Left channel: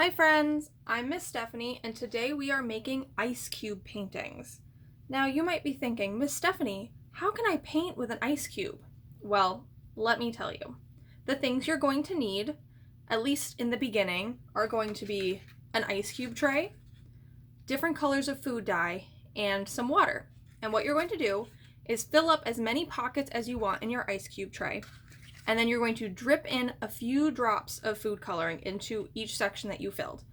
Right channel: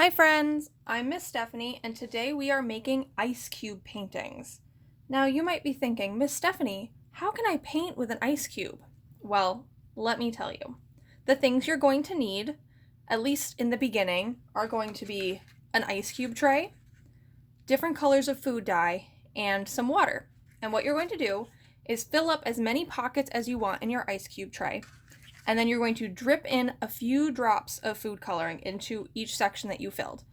Hi friends, I'm Miss Stephanie and today we are making ice cube paintings. Now you might be thinking, Miss Stephanie, how can I paint with an ice cube? Well, let me tell you. The things you're going to need, at least in the beginning, are going to be an ice cube tray, different colors of food dye, and some water. And what you're going to do is fill up as many pockets as you want in your ice cube tray. And then you're going to drip in a few drops of food coloring into each section that you filled.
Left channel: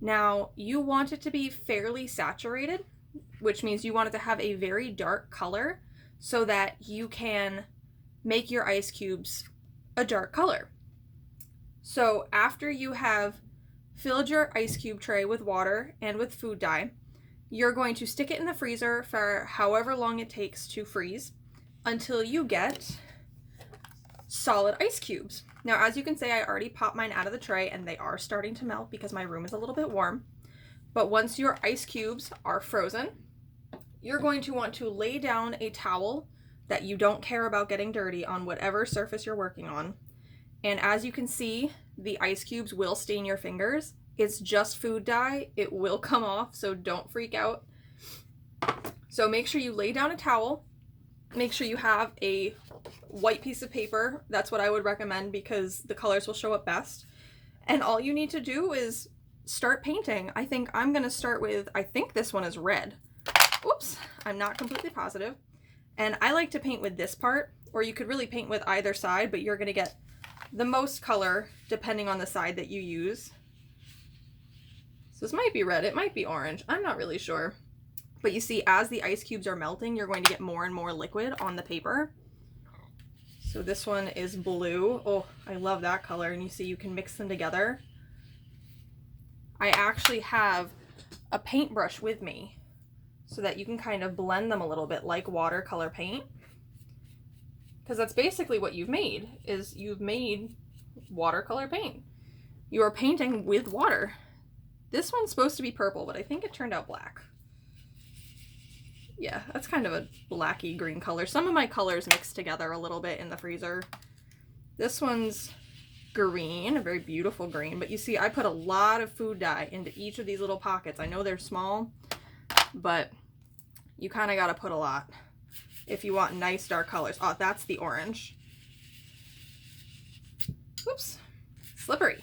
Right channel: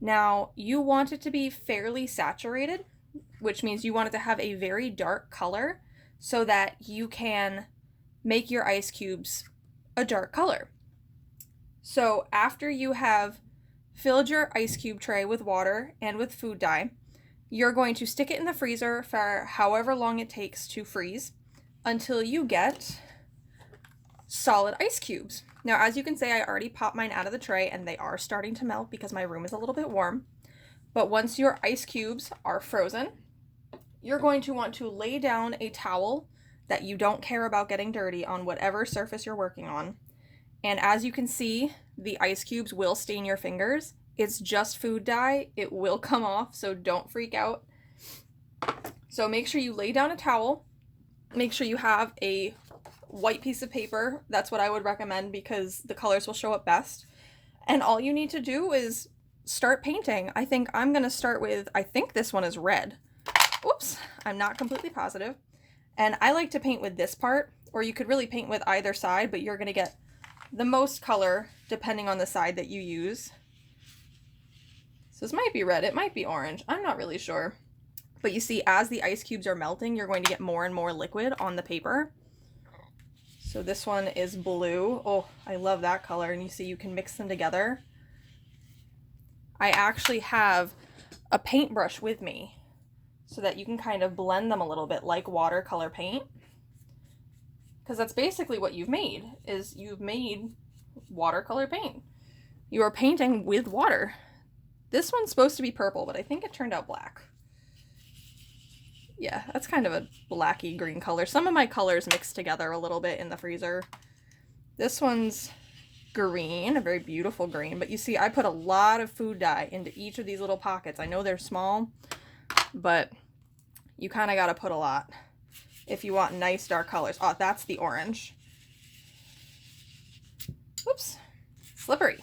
Now, you want it to be fairly saturated, which means you want it to have a very dark color so that you can make your ice cubes a dark color. So after you have filled your ice cube tray with water and with food dye, you're going to stick it in the freezer for however long it takes to freeze until you get solid ice cubes. Now, as you can see, I already popped mine out of the tray and they are starting to melt because my room is a little bit warm. But once your ice cubes are frozen, you're going to want to lay down a towel that you don't care about getting dirty on whatever surface you're working on. And as you can see, the ice cubes will stain your fingers. It's just food dye. It will come off, so don't freak out. So make sure you lay down a towel. Make sure you have a white piece of paper. That's what I would recommend because the colors will show up best. And all you need to do is start painting. I think I'm going to start with, I think this one is red. Oops, I'm not completely positive. And I like to paint with this part, or you could really paint with either side, but you're going to get the most color depending on the side that you use. So this might be red, it might be orange, I'm not really sure. But you see, as the ice cubes are melting, you're going to get more and more liquid on the paper. So this one is blue. Oh, I love that color. And you see you can mix them together. I actually have a paintbrush with me so that you can kind of blend them a little bit like watercolor paint. Because that's basically what you've made, is you've made watercolor paint. You are painting with water. This one's supposed to be purple, but I think it turned out black. Yeah, that's kind of a blacky green color. Some of my colors mixed together a little bit in the freezer. This one's green, a very beautiful green, but you see I put a lot of food dye into each of these little pockets. I know they're small, but you kind of got to put a lot if you want nice dark colors. Oh, that's the orange. Whoops, slippery.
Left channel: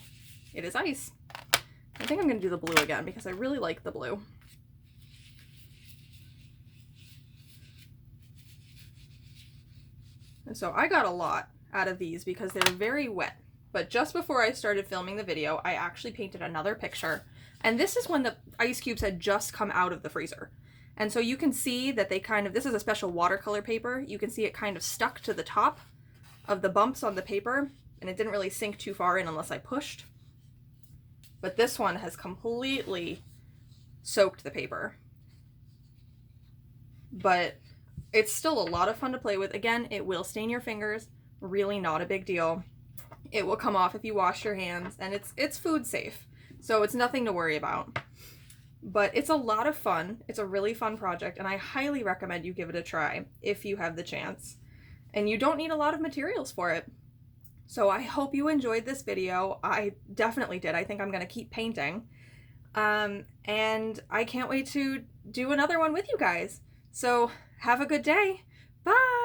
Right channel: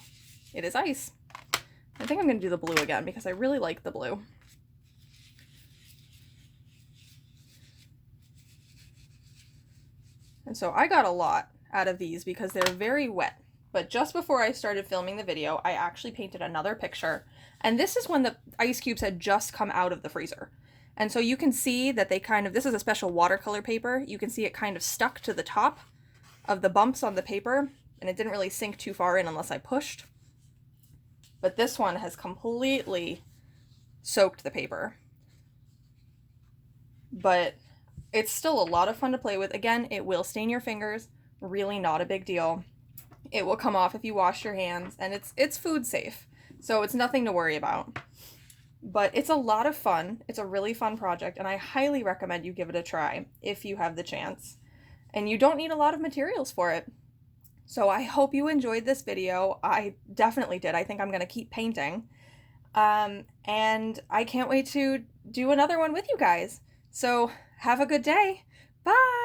It is ice. I think I'm going to do the blue again because I really like the blue. And so I got a lot out of these because they're very wet. But just before I started filming the video, I actually painted another picture. And this is when the ice cubes had just come out of the freezer. And so you can see that they kind of, this is a special watercolor paper. You can see it kind of stuck to the top of the bumps on the paper. And it didn't really sink too far in unless I pushed. But this one has completely soaked the paper. But it's still a lot of fun to play with. Again, it will stain your fingers. Really not a big deal. It will come off if you wash your hands, and it's food safe. So it's nothing to worry about. But it's a lot of fun. It's a really fun project, and I highly recommend you give it a try if you have the chance. And you don't need a lot of materials for it. So I hope you enjoyed this video. I definitely did. I think I'm going to keep painting. And I can't wait to do another one with you guys. So have a good day. Bye!